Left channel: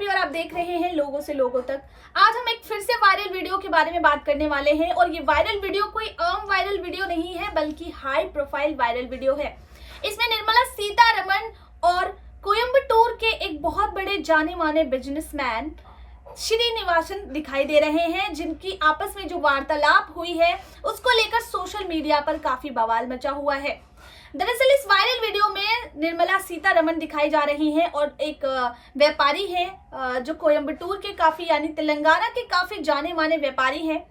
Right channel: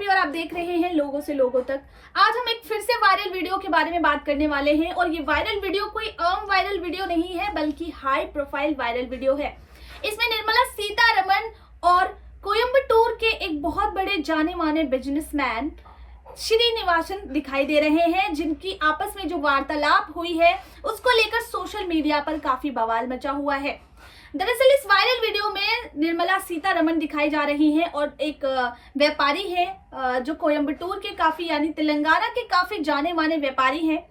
Happy और आप देख रहे हैं लोगों से लोगों तक। आज हम एक फिर से वायरल वीडियो के बारे में बात करने वाले हैं और ये वायरल वीडियो कोई आम वायरल वीडियो नहीं है बल्कि हाई प्रोफाइल वायरल वीडियो है। इसमें निर्मला सीतारमण और कोयंबटूर के एक बहुत बड़े जाने माने बिजनेसमैन श्रीनिवासन दिखाई दे रहे हैं, जिनकी आपस में जो वार्तालाप हुई है उसको लेकर सोशल मीडिया पर काफी बवाल मचा हुआ है। दरअसल इस वायरल वीडियो में निर्मला सीतारमण दिखाई जा रही हैं और एक व्यापारी है जो कोयंबटूर के काफी यानी तेलंगाना के काफी जाने माने व्यापारी हैं,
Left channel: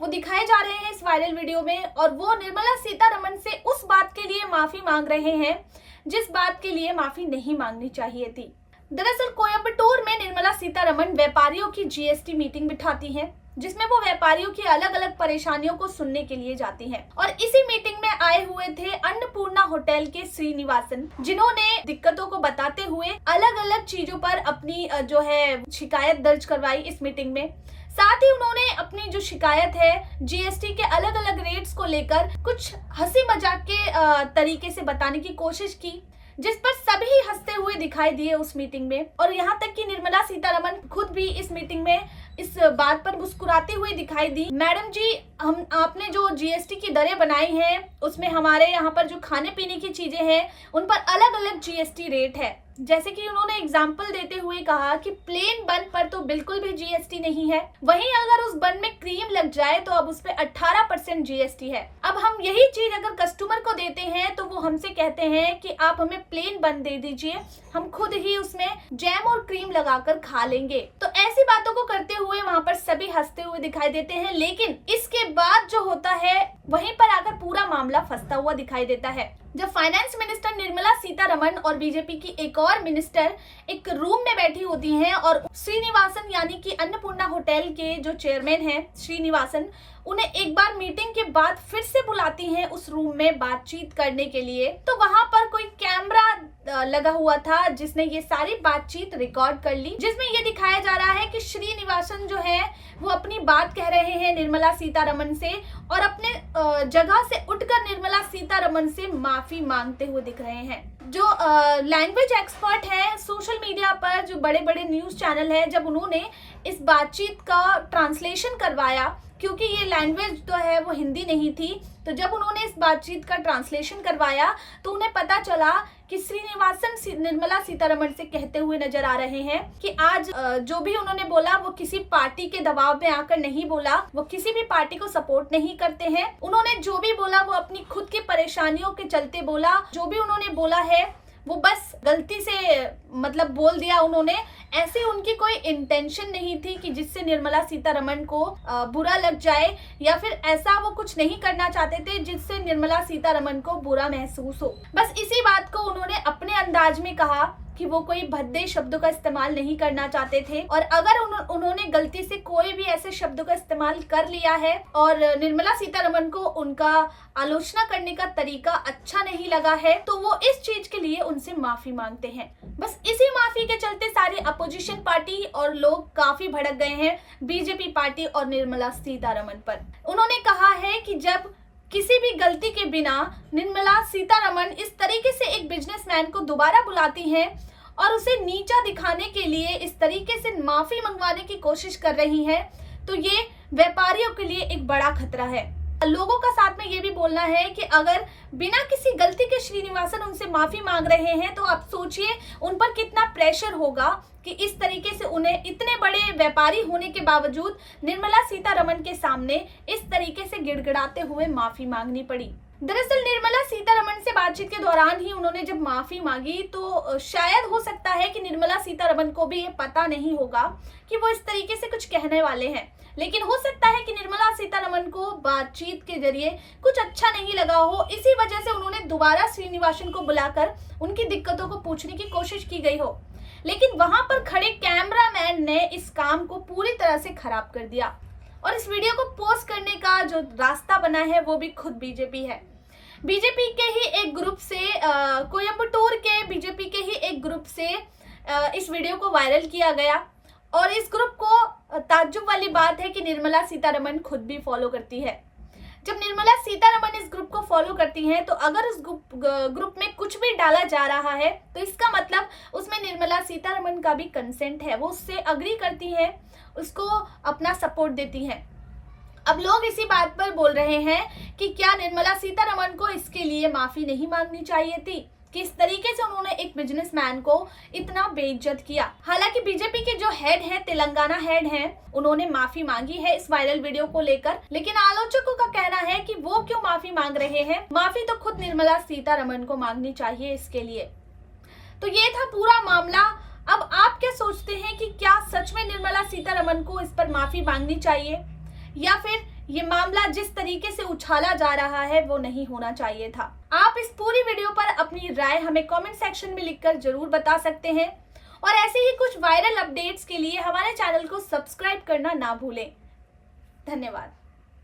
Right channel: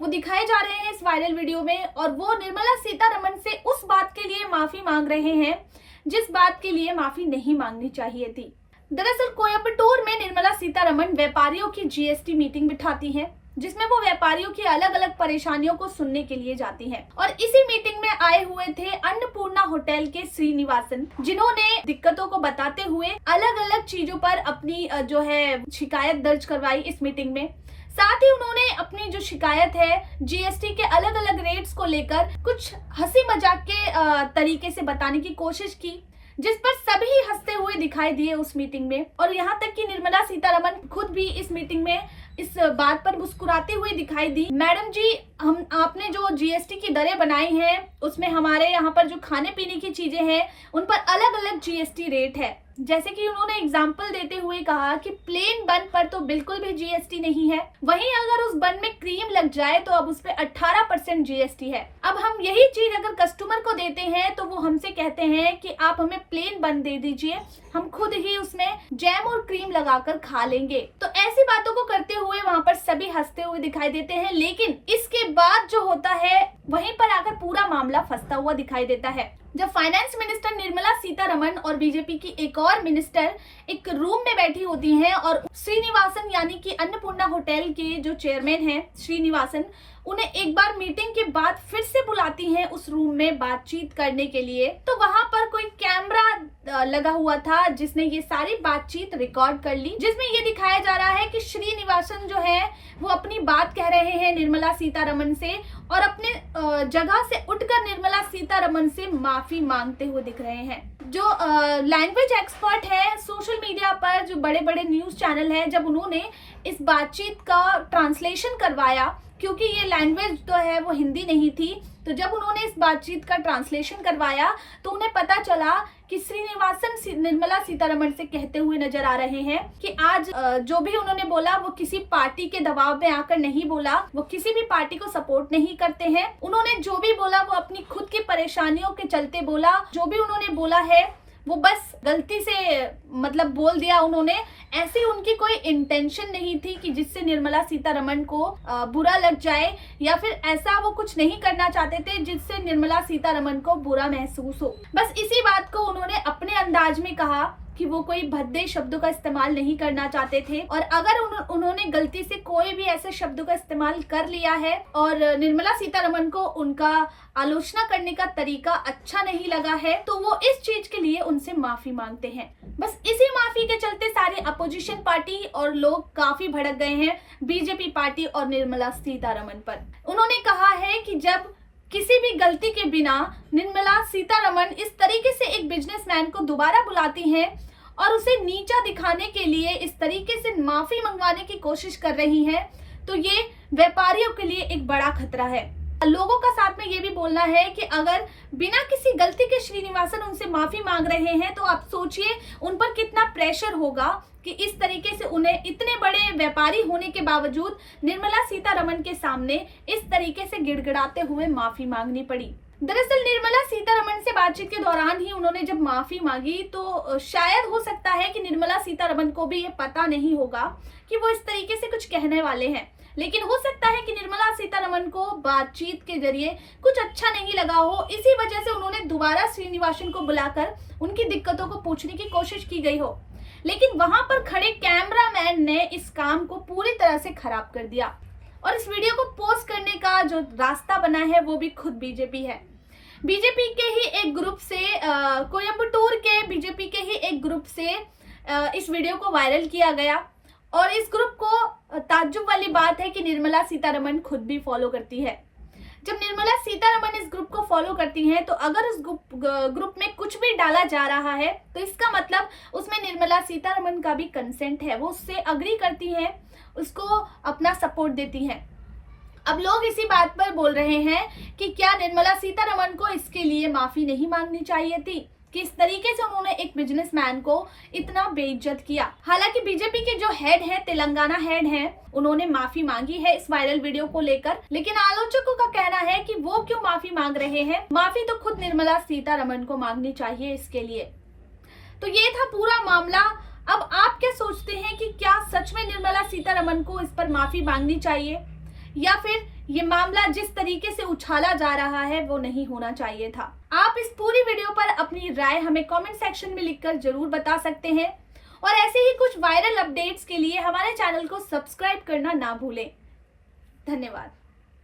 वो दिखाए जा रहे हैं इस वायरल वीडियो में। और वो निर्मला सीतारमण से उस बात के लिए माफी मांग रहे हैं जिस बात के लिए माफी नहीं मांगनी चाहिए थी। दरअसल कोयंबटूर में निर्मला सीतारमण व्यापारियों की जीएसटी मीटिंग बिठाती हैं, जिसमें वो व्यापारियों की अलग अलग परेशानियों को सुनने के लिए जाती हैं। और इसी मीटिंग में आए हुए थे अन्नपूर्णा होटल के श्रीनिवासन, जिन्होंने दिक्कतों को बताते हुए अलग अलग चीजों पर अपनी जो है शिकायत दर्ज करवाई इस मीटिंग में। साथ ही उन्होंने अपनी जो शिकायत है जीएसटी के अलग अलग रेट्स को लेकर कुछ हंसी मजाक के तरीके से बताने की कोशिश की, जिस पर सभी हंसते हुए दिखाई दिए उस मीटिंग में। और यहाँ तक कि निर्मला सीतारमण खुद भी इस मीटिंग में इस बात पर मुस्कुराते हुए दिखाई दी। मैडम जी, हम आपने जो जीएसटी की दरें बनाई हैं उसमें हमारे यहाँ पर जो खाने पीने की चीजें हैं उन पर अलग अलग जीएसटी रेट है। जैसे कि उन्होंने एग्जाम्पल देते हुए कहा कि प्लेन बन पर तो बिल्कुल भी जीएसटी नहीं है, वहीं अगर उस बन में क्रीम लग जाए तो अब उस पे 18% जीएसटी है। अब हम यही चीज अगर कस्टमर को देते हैं तो वो हमसे कहते हैं कि आप हमें प्लेन बन दे दीजिए, हम खुद ही उसमें जैम और क्रीम लगाकर खा लेंगे। तो ऐसी बातों को करते हुए वहाँ पर सभी हंसते हुए दिखाई देते हैं, लेकिन इसके बाद जो होता है वहीं पर आकर पूरा मामला फंसता हुआ दिखाई देता है। जब फाइनेंस मिनिस्टर निर्मला सीतारमण और बीजेपी की एक और मिनिस्टर एक रूम में बैठी होती हैं और श्रीनिवासन यानी कि अन्नपूर्णा होटल के जो चेयरमैन हैं श्रीनिवासन, उन्हें एक बार मीटिंग के बाद फिर से बुलाती हैं उस रूम में बातचीत करने के लिए, तो वहां पर कोई कैमरा लगा हुआ था जिसने ये सारी बातचीत रिकॉर्ड कर ली, जिसमें ये दिखाया जा रहा है कि श्रीनिवासन जो है वो अपनी बात कह रहे हैं निर्मला सीतारमण से और अपने जगह से उठकर निर्मला सीतारमण से माफी मांगते हुए दिख रहे हैं। जो लैंग्वेज एक्सपर्ट है सोशल मीडिया पर, जो बड़े बड़े न्यूज चैनल है, जब उन्होंने इस बातचीत का ट्रांसलेशन करवाया, क्योंकि ये लैंग्वेज तो है वो हिंदी नहीं थी, तो जब उन्होंने इस बातचीत का ट्रांसलेशन करवाया तो उन्हें पता चला कि श्रीनिवासन निर्मला सीतारमण से कहते हुए नजर आ रहे हैं कि आज जो भी उन्होंने बोला वो किसी पार्टी के दबाव में आकर नहीं बोला, वो किसी भी पार्टी को सपोर्ट नहीं करते हैं। उन्होंने जो भी बोला वो अपनी खुद की परेशानियों के चलते बोला, जो भी उन्होंने बोला है वो बस गलती से मतलब बोल दिया उन्होंने। ऐसी उनकी कोई इंटेंशन नहीं थी कि जिससे निर्मला सीतारमण को बुरा लग जाए, या फिर ऐसा वो कुछ नहीं करना चाहते थे जिससे निर्मला सीतारमण को बुरा महसूस हो। बस इसी बात को उन्होंने अपने अंदाज में कहा कि वो कोई भद्दे शब्दों का इस्तेमाल नहीं करना चाहते थे, और अगर उन्होंने गलती से कोई भी ऐसे शब्दों का इस्तेमाल कर लिया है और निर्मला सीतारमण को उनका आलोचना करने का तरीका अच्छा नहीं लगा है तो वो इस चीज के लिए उनसे माफी मांगते हैं। बस इसी माफी के चलते सारे अपोजिशन पार्टी और लोग काफी भड़क गए हैं बीजेपी पार्टी और निर्मला सीतारमण पर। उन्होंने कहा है कि जब किसी भी गलती के बिना निर्मला सीतारमण इस तरीके से एक बिजनेसमैन को दोबारा बुलाती हैं और उसे नीचा दिखाने के लिए इस तरीके से माफी मंगवाने की कोशिश कर रही हैं, तो ये व्यापारियों के लिए एक बड़ा खतरा है। लोगों का साथ में ये भी बोलना है कि अगर बिना किसी गलती के श्रीनिवासन उनसे माफी मांग रहे हैं तो आप सोचिए उन पर कितना प्रेशर होगा कि इस तरीके से उन्हें इतने बड़े व्यापारी होने के बावजूद निर्मला सीतारमण के सामने इस तरीके से गिड़गिड़ाते हुए माफी मांगनी पड़ी। दरअसल निर्मला सीतारमण से बातचीत के दौरान ही उन्होंने जब माफी मांगी तो शायद हो सकता है कि निर्मला सीतारमण को भी ये पता नहीं होगा कि वो इस तरीके से कुछ कहने वाले हैं, लेकिन हो सकता है कि निर्मला सीतारमण को बातचीत के जरिए कुछ अच्छा नहीं लगा हो, इसी वजह से उन्होंने दोबारा श्रीनिवासन को बुलाकर उनकी दिक्कतों को पूछने की कोशिश की गई हो। लेकिन वहां पर खड़े कैमरामैन ने इस काम को पूरी तरह से खराब कर दिया और इस वीडियो को पोस्ट करने का जो रास्ता बना है वो भी खुद बीजेपी है। बीजेपी के ही एक ग्रुप से कोयंबटूर के बीजेपी के ही एक ग्रुप से इस वीडियो को वायरल किया गया और इस ग्रुप को ताज्जुब वाली बात है कि निर्मला सीतारमण खुद भी फॉलो करती है। जब निर्मला सीतारमण इस ग्रुप को फॉलो करती हैं, तो अगर उस ग्रुप में कुछ भी डाला जा रहा है तो इसका मतलब उसमें निर्मला सीतारमण का भी कंसेंट है, वो उससे अग्री करती हैं, उसको अपना सपोर्ट देती हैं। अब लोग इसी बात पर बोल रहे हैं कि क्या निर्मला सीतारमण को इसके लिए माफी नहीं मांगनी चाहिए थी, कि इस तरीके से उन्होंने एक बिजनेसमैन को इतना बेइज्जत किया। हालांकि बीजेपी के जो हेड हैं, तेलंगाना हेड हैं, उन्होंने माफी मांगी है इस वायरल वीडियो को लेकर, लेकिन आलोचकों का कहना है कि वो क्यों माफी मांग रहे हैं, माफी तो खुद निर्मला सीतारमण को मांगनी चाहिए इसके लिए। तो ये था पूरा मामला। अब आप क्या सोचते हैं कि क्या सच में निर्मला सीतारमण को इस पर माफी मांगनी चाहिए, या फिर ये मामला जिस तरीके से उछाला जा रहा है वो नहीं होना चाहिए था? आप इस पूरी वीडियो पर अपनी राय हमें कमेंट सेक्शन में लिखकर जरूर बता सकते हैं, और ऐसे ही कुछ वायरल अपडेट्स के लिए हमारे चैनल को सब्सक्राइब करना ना भूलें। धन्यवाद।